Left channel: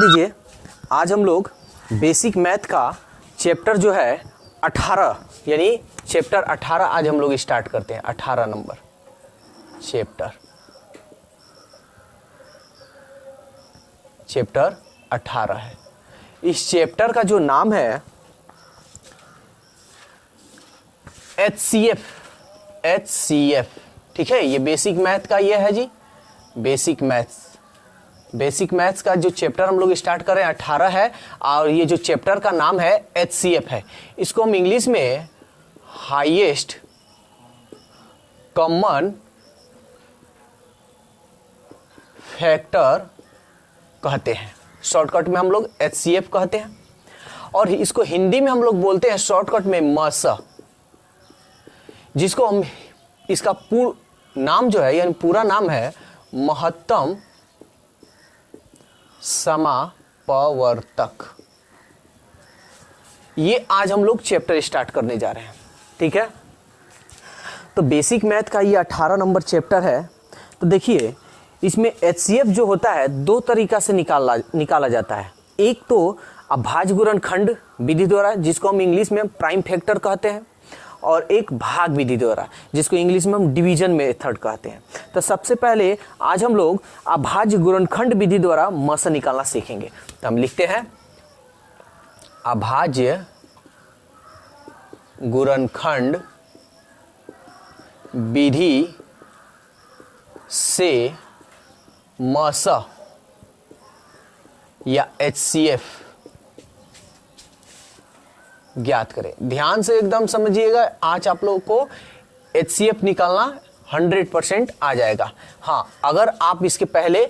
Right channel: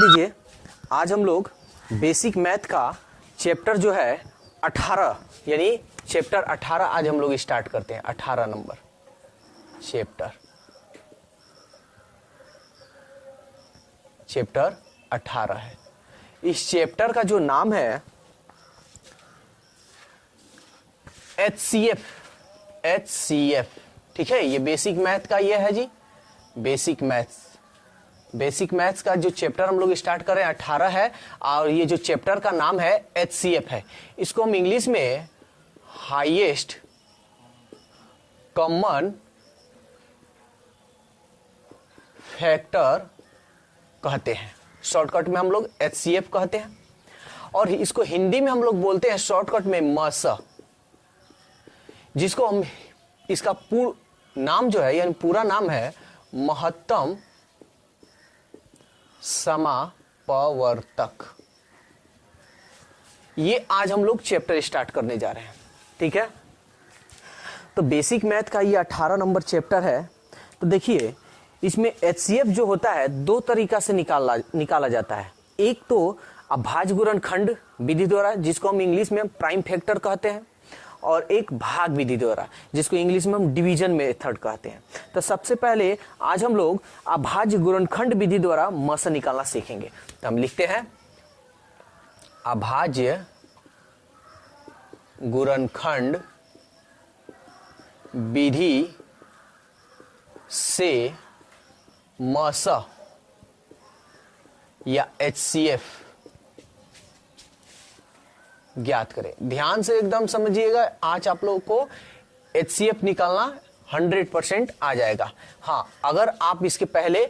ध्यान दीजिए, आज हम लोग बेसिक मैथ का चैप्टर जो है 18 यानी चैप्टर 18 आज हम लोग स्टार्ट करते हैं। 18 नंबर चैप्टर 18 है। इस चैप्टर का जो नाम है HCF, ठीक है। ये बेसिक मैथ का ये है जी, बेसिक मैथ्स का जो चैप्टर हम लोग स्टार्ट कर रहे हैं 18 है, और ये जो चैप्टर का नाम है HCF है। इसको हम इंग्लिश में हाईएस्ट कॉमन फैक्टर कहते हैं, शॉर्टकट में हम लोग HCF कहते हैं, और इसको हिंदी में हम लोग बोलते हैं शॉर्टकट में MSA, जिसको हम इसका पूरा नाम जो है यानी पूरा नाम है महत्तम समापवर्तक। ये आज हम लोग चैप्टर स्टार्ट करने जा रहे हैं, ठीक है। तो बेसिक मैथ का ये 18 नंबर चैप्टर है। तो देखिए, इसमें HCF जो होता है दो तरीका से निकाला जाता है। एक तो अभाज्य गुणनखंड विधि द्वारा, जिसको हम इंग्लिश में प्राइम फैक्टर कहते हैं, और एक भाग विधि द्वारा, जिसको इंग्लिश में हम डिवीजन मेथड कहते हैं। तो सबसे पहले आज हम लोग अभाज्य गुणनखंड विधि द्वारा MSA निकालना सीखेंगे। तो हम लिखते हैं अभाज्य गुणनखंड विधि से MSA या HCF ज्ञात करें। ध्यान से एकदम समझिएगा, आज आप लोगों को HCF निकालना 100% आ जाएगा। हाँ, अगर आप इसके पहले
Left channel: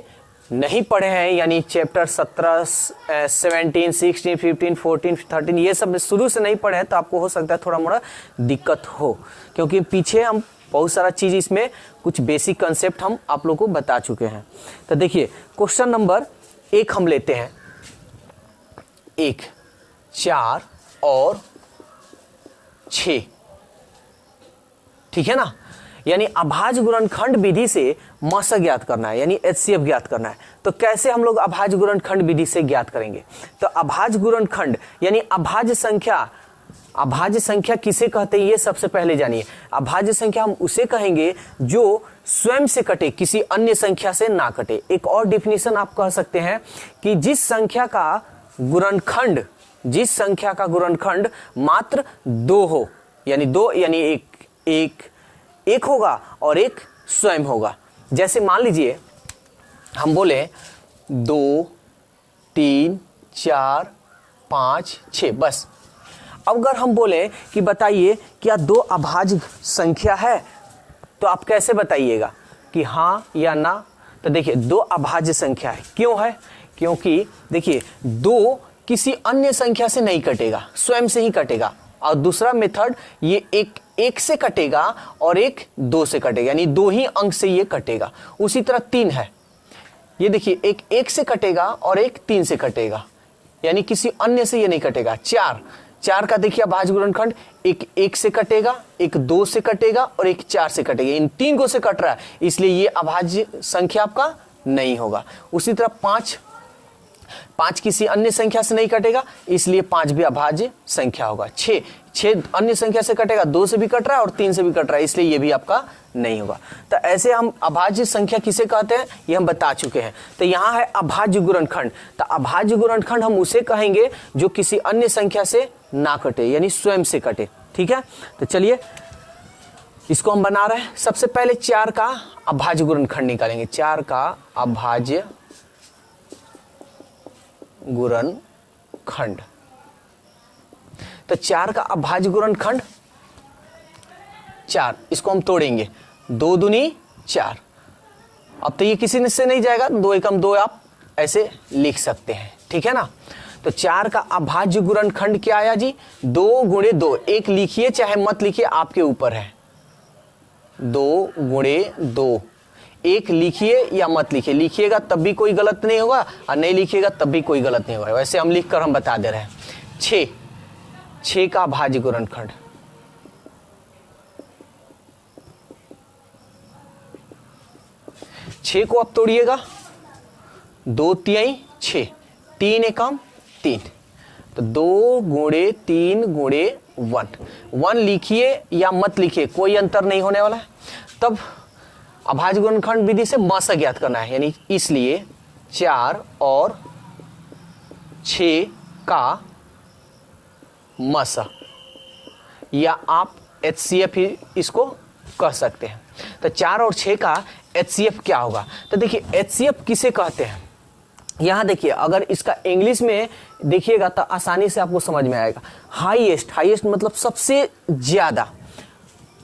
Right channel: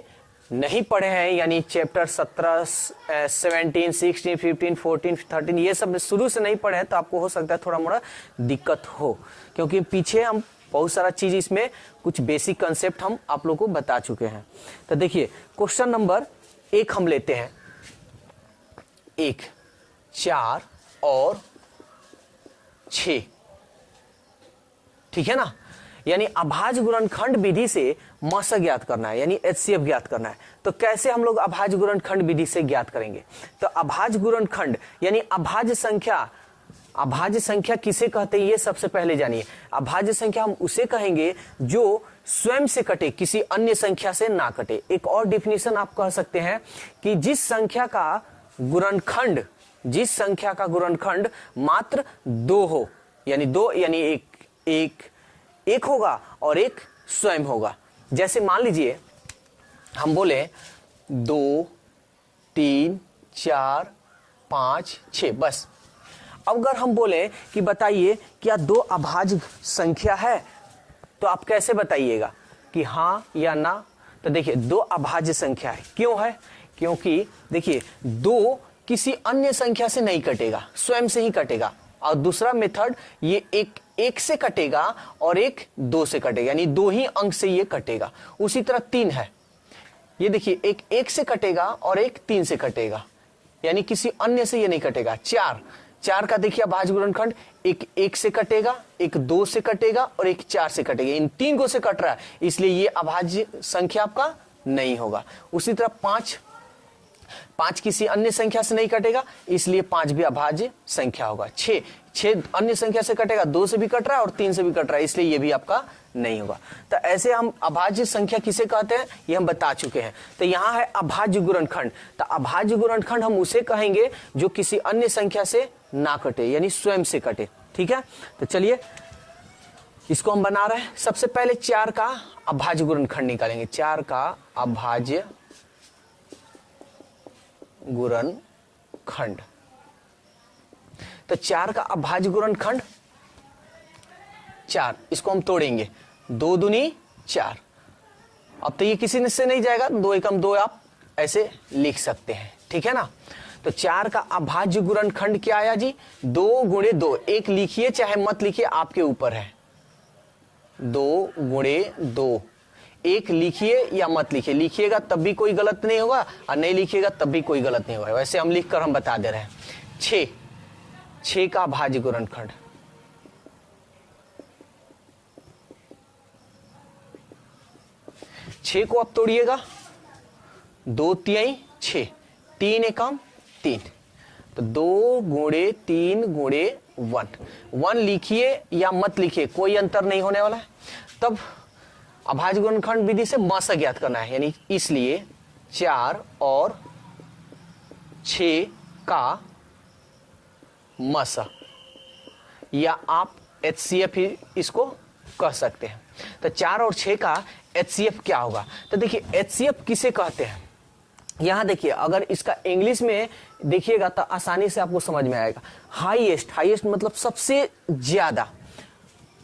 नहीं पढ़े हैं, यानी चैप्टर 17, 17, 16, 15, 14, 13 ये सब शुरू से नहीं पढ़े हैं, तो आपको हो सकता है थोड़ा मोड़ा दिक्कत हो, क्योंकि पीछे हम बहुत सारा चीज इसमें कुछ बेसिक कंसेप्ट हम आप लोगों को बता चुके हैं। तो देखिए, क्वेश्चन नंबर 1 हम लेते हैं। 1, 4 और 6, ठीक है ना। यानी अभाज्य गुणनखंड विधि से MSA ज्ञात करना है, यानी HCF ज्ञात करना है। तो कैसे हम लोग अभाज्य गुणनखंड विधि से ज्ञात करेंगे? तो अभाज्य गुणनखंड यानी अभाज्य संख्या किसे कहते हैं, ये सबसे पहले जानिए। अभाज्य संख्या हम उसे कहेंगे जो स्वयं से कटे, किसी अन्य संख्या से ना कटे। एक और डिफिनेशन आप कह सकते हैं कि जिस संख्या का गुणनखंड मात्र 2 हो, यानी 2 यानी एक होगा और एक स्वयं होगा। जैसे मान लीजिए हम बोले 2, 3, 4, 5, 6 बस। अब अगर हम बोले कि बताइए क्या 2 अभाज्य संख्या है, तो आप कैसे बताइएगा कि हाँ या ना? तो देखिए, 2 अभाज्य संख्या है। क्यों है? क्योंकि देखिए 2 किसी अन्य संख्या से नहीं कटेगा, स्वयं से ही कटेगा। और दूसरा मेथड, ये एक से कटेगा और एक 2 से कटेगा, यानी 2 ही अंक से ये कटेगा। उसी तरह 3 है, ये देखिए एक से कटेगा और एक 3 से कटेगा, यानी किसी अन्य से ये नहीं कटेगा। 4 का देखिए अभाज्य गुणनखंड, एक से कटेगा, एक 2 से कटेगा और एक 4 से कटेगा। इन 3 को से कट रहा है, इसलिए ये अभाज्य संख्या आपका नहीं होगा। उसी तरह 5 किसी अन्य संख्या से नहीं कटेगा, इसलिए 5 भी अभाज्य संख्या होगा। 6 अन्य संख्या से कटेगा, 2 से भी कट रहा है और 3 से भी कट रहा है, इसलिए ये भी आपका नहीं होगा। तो ऐसे हम अभाज्य संख्या किसे कहते हैं ये हम बता चुके हैं। तो यहाँ है अभाज्य गुणनखंड। तो अभाज्य गुणनखंड हम उसे कहेंगे जो किसी अन्य संख्या से ना कटे, यानी स्वयं से कटे, ठीक है। तो चलिए इसको हम बना रहे हैं। सबसे पहले 4 का अभाज्य गुणनखंड निकालेंगे। 4 का अभाज्य गुणनखंड, तो 4 का अभाज्य गुणनखंड 4, इसको हम तोड़ेंगे। 2 दूनी 4। अब तो ये किसी से नहीं जाएगा, 2 एकम 2 आप ऐसे लिख सकते हैं, ठीक है ना। तो 4 का अभाज्य गुणनखंड क्या आया जी? 2 गुणे 2। एक लिखिए चाहे मत लिखिए, आपके ऊपर है। 2 गुणे 2, एक लिखिए या मत लिखिए। लिखिएगा तब भी कोई गलत नहीं होगा और नहीं लिखिएगा तब भी कोई गलत नहीं होगा। वैसे हम लिखकर हम बता दे रहे हैं। 6 का अभाज्य गुणनखंड, 6 को आप तोड़िएगा, 2 तिहाई 6, 3 एकम 3, तो 2 गुणे 3 गुणे 1, 1 लिखिए या मत लिखिए, कोई अंतर नहीं होने वाला है। तब अभाज्य गुणनखंड विधि से मसा ज्ञात करना है, यानी इसलिए 4 और 6 का मसा, या आप HCF ही इसको कह सकते हैं। तो 4 और 6 का HCF क्या होगा? तो देखिए HCF किसे कहते हैं, यहां देखिए अगर इसका इंग्लिश में देखिएगा तो आसानी से आपको समझ में आएगा। हाईएस्ट, हाईएस्ट मतलब सबसे ज्यादा,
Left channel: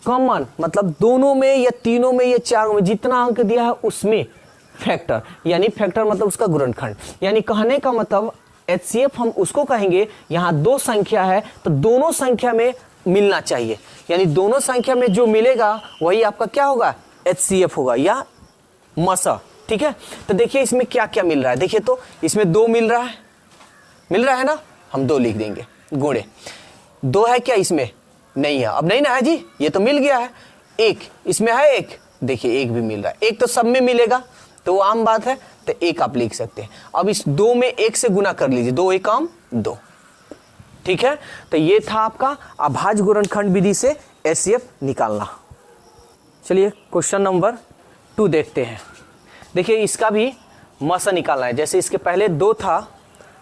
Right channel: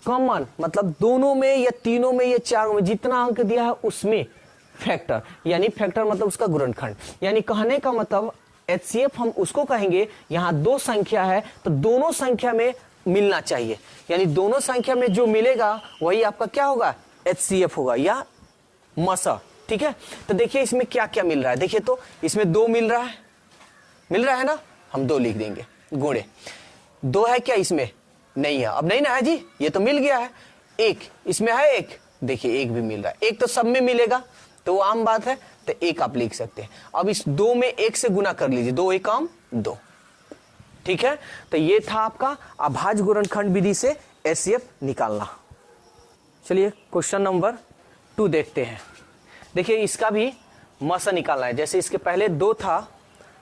कॉमन मतलब दोनों में या तीनों में या चारों में जितना अंक दिया है उसमें फैक्टर, यानी फैक्टर मतलब उसका गुणनखंड। यानी कहने का मतलब HCF हम उसको कहेंगे, यहां 2 संख्या है तो दोनों संख्या में मिलना चाहिए, यानी दोनों संख्या में जो मिलेगा वही आपका क्या होगा? HCF होगा या मसा। ठीक है, तो देखिए इसमें क्या क्या मिल रहा है। देखिए तो इसमें 2 मिल रहा है ना, हम 2 लिख देंगे गुणे। 2 है क्या इसमें? नहीं है, अब नहीं ना है जी, ये तो मिल गया है। 1 इसमें है, 1 देखिए 1 भी मिल रहा है, 1 तो सब में मिलेगा तो वो आम बात है, तो 1 आप लिख सकते हैं। अब इस 2 में 1 से गुना कर लीजिए, 2 एकम 2। ठीक है, तो ये था आपका अभाज्य गुणनखंड विधि से HCF निकालना। चलिए क्वेश्चन नंबर 2 देखते हैं। देखिए इसका भी मसा निकालना है, जैसे इसके पहले 2 था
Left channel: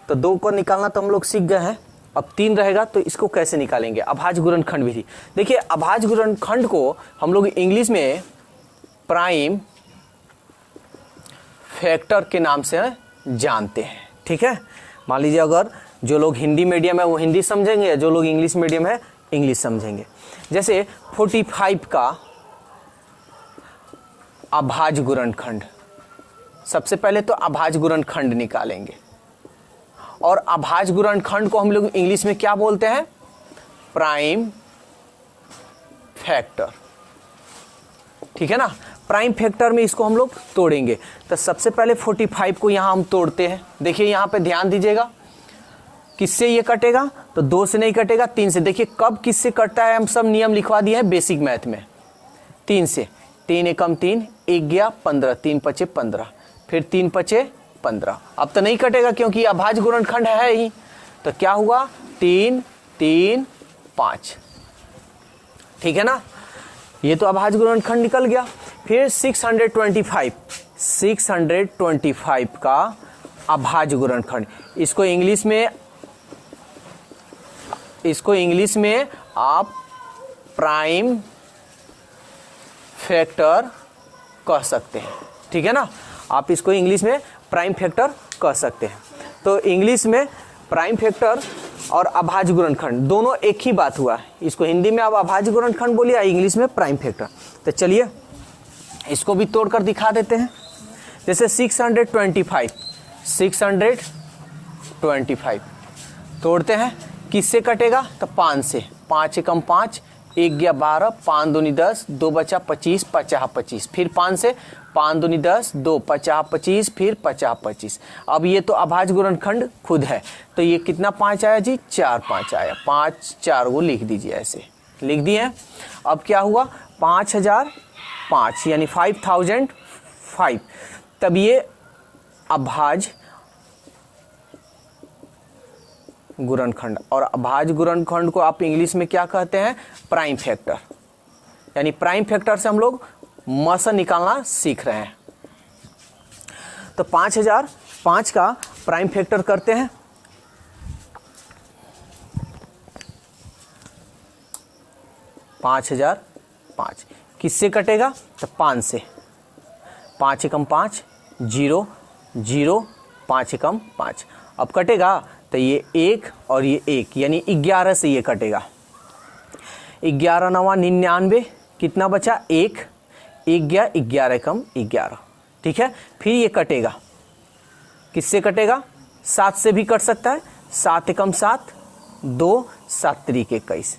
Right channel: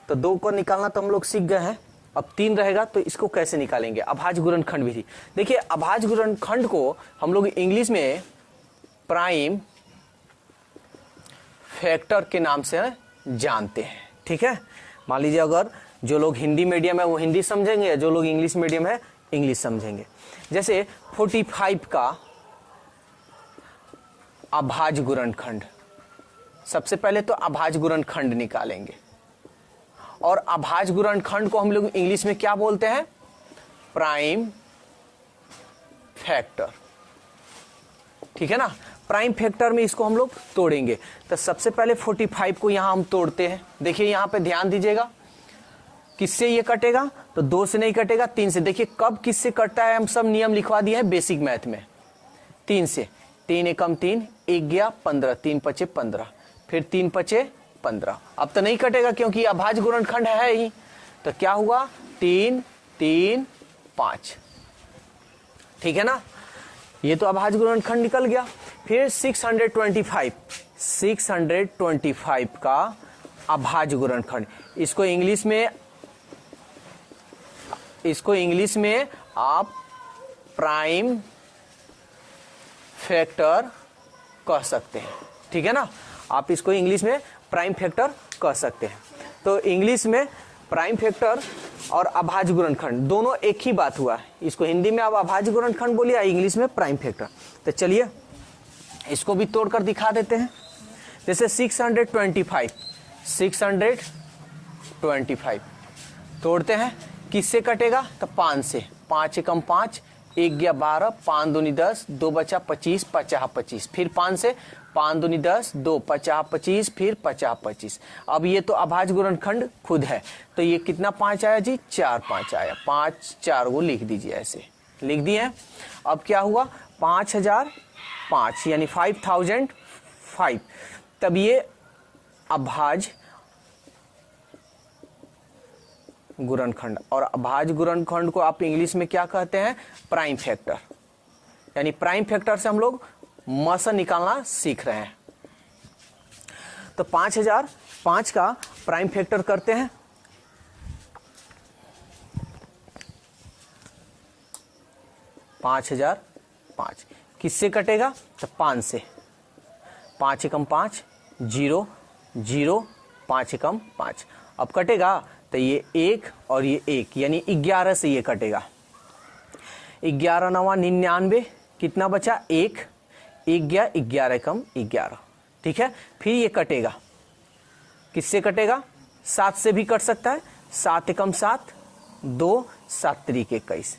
तो 2 को निकालना तो हम लोग सीख गए हैं, अब 3 रहेगा तो इसको कैसे निकालेंगे? अभाज्य गुणनखंड विधि। देखिए अभाज्य गुणनखंड को हम लोग इंग्लिश में प्राइम फैक्टर के नाम से जानते हैं। ठीक है, मान लीजिए अगर जो लोग हिंदी मीडियम है वो हिंदी समझेंगे, जो लोग इंग्लिश मीडियम है इंग्लिश समझेंगे। जैसे 45 का अभाज्य गुणनखंड, सबसे पहले तो अभाज्य गुणनखंड निकालेंगे, और अभाज्य गुणनखंड को हम लोग इंग्लिश में क्या बोलते हैं? Prime factor. ठीक है ना, प्राइम फैक्टर में इसको हम लोग तोड़ेंगे। तो सबसे पहले 45 को यहां हम तोड़ते हैं। देखिए यहां पे ध्यान दीजिएगा, किससे ये कटेगा? तो 2 से नहीं कटेगा, 3 से। देखिए कब किससे कटता है, हम सब नियम लिखवा दिए हैं बेसिक मैथ में। 3 से, 3 एकम 3, 1 गया 15, 3 पचे 15, फिर 3 पचे 15। अब तो नहीं कटेगा क्योंकि अभाज्य गुणनखंड है ही, तो क्या हुआ? 3 3 5। ठीक है ना, ये तो अभाज्य गुणनखंड निकल गया। फिर 625 का अभाज्य गुणनखंड, इसको इंग्लिश में आप प्राइम फैक्टर कह सकते हैं। ठीक है ना, आप इसको इंग्लिश में प्राइम फैक्टर कह सकते हैं। तो इंग्लिश में प्राइम फैक्टर और अभाज्य गुणनखंड दोनों एक ही बात हुआ। इसको हिंदी में आप अभाज्य गुणनखंड बोलिए, इंग्लिश में प्राइम फैक्टर। तो चलिए इसको भी तोड़कर दिखा देते हैं। जैसे 625 तोड़ते हैं, किससे कटेगा? तो 5 से। 5 एकम 5, 1 गया 12, 5 दूनी 10, 2 बचा 25, 50 25, फिर 5 से, 5 दूनी 10, 2 50 25, फिर 50 25। अब ये तो अभाज्य गुणनखंड खुद है, तो ये कितना 5 आया जी? 4 5 आया। 5 4 को लिख दीजिए, ऐसे लिख दिए। अब क्या हुआ? 5005 यानी 5005। तब ये अभाज्य गुणनखंड, और अभाज्य गुणनखंड को आप इंग्लिश में क्या कहते हैं? Prime factor. यानी प्राइम फैक्टर से हम लोग मसा निकालना सीख रहे हैं। तो 5005 का प्राइम फैक्टर करते हैं। $5005 किससे कटेगा? तो 5 से। 5 एकम 5, 0 0, 5 एकम 5। अब कटेगा तो ये 1 और ये 1, यानी 11 से ये कटेगा। 11 9 99, कितना बचा? 1 1 गया 11 एकम 11। ठीक है, फिर ये कटेगा, किससे कटेगा? 7 से भी कट सकता है। 7 एकम 7, 2 7 त्रिक 21।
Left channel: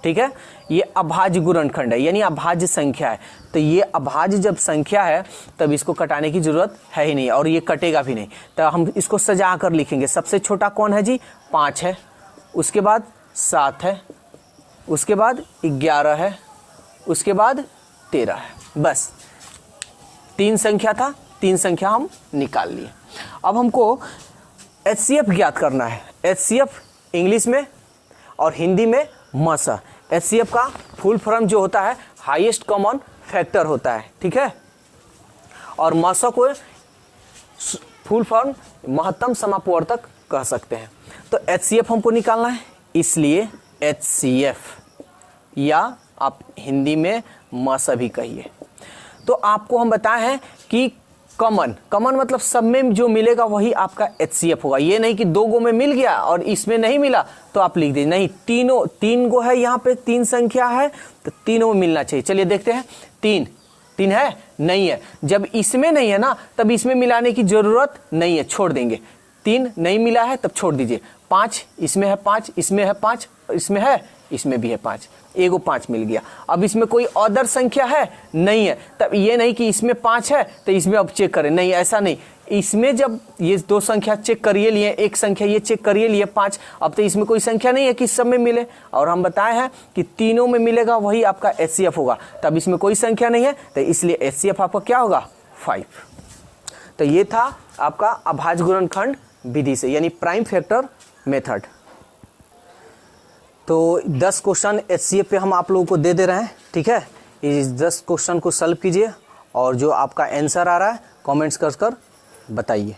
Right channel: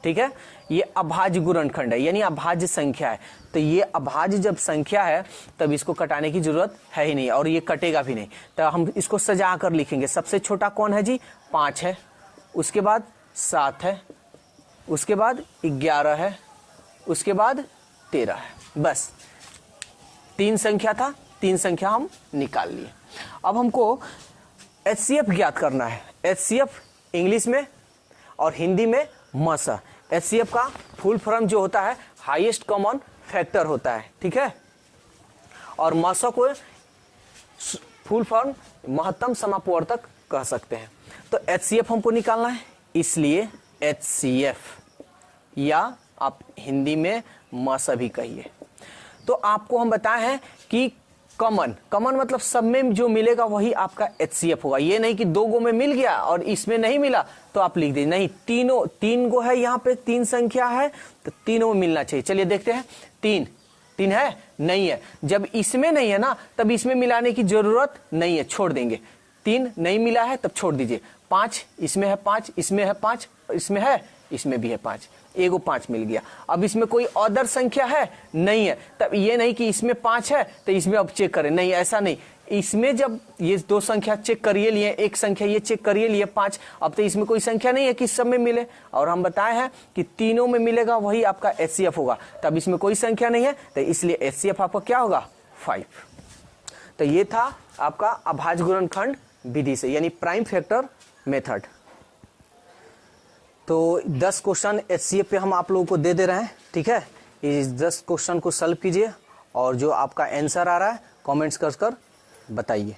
ठीक है, ये अभाज्य गुणनखंड है, यानी अभाज्य संख्या है। तो ये अभाज्य जब संख्या है तब इसको कटाने की जरूरत है ही नहीं, और ये कटेगा भी नहीं। तो हम इसको सजा कर लिखेंगे। सबसे छोटा कौन है जी? 5 है, उसके बाद 7 है, उसके बाद 11 है, उसके बाद 13 है। बस 3 संख्या था, 3 संख्या हम निकाल लिए। अब हमको HCF ज्ञात करना है। HCF इंग्लिश में और हिंदी में मसा। HCF का फुल फॉर्म जो होता है हाईएस्ट कॉमन फैक्टर होता है, ठीक है। और मसा को फुल फॉर्म महत्तम समापवर्तक कह सकते हैं। तो HCF हमको निकालना है, इसलिए HCF या आप हिंदी में मसा भी कहिए। तो आपको हम बताए हैं कि कॉमन मतलब सब में जो मिलेगा वही आपका HCF होगा। ये नहीं कि 2 गो में मिल गया और इसमें नहीं मिला तो आप लिख दीजिए, नहीं, तीन गो है, यहाँ पे 3 संख्या है तो तीनों में मिलना चाहिए। चलिए देखते हैं, 3 है, नहीं है। जब इसमें नहीं है ना तब इसमें मिलाने की जरूरत नहीं है, छोड़ देंगे। 3 नहीं मिला है तब छोड़ दीजिए। 5 इसमें है, 5 इसमें है, 5 इसमें है, इसमें भी है 5, एगो 5 मिल गया। अब इसमें कोई अदर संख्या है, नहीं है, तब ये नहीं कि इसमें 5 है तो इसमें अब चेक करें, नहीं, ऐसा नहीं। इसमें जब ये 2 संख्या चेक करिए लिए, एक संख्या ये चेक करिए लिए 5, अब तो इसमें कोई संख्या नहीं है कि सब में मिले। और हम बताए हैं कि तीनों में मिलेगा वही आपका HCF होगा, तब इसमें कोई संख्या नहीं है तो इसलिए HCF आपका क्या होगा, 5। तो ये था आपका अभाज्य गुणनखंड विधि से, यानी प्राइम फैक्टर मेथड। तो 10 क्वेश्चन HCF पे हम आप लोगों को दे रहे हैं, ठीक है। इस 10 क्वेश्चन को सॉल्व कीजिए और जो आपका आंसर आ रहा है कमेंट्स कर बताइए।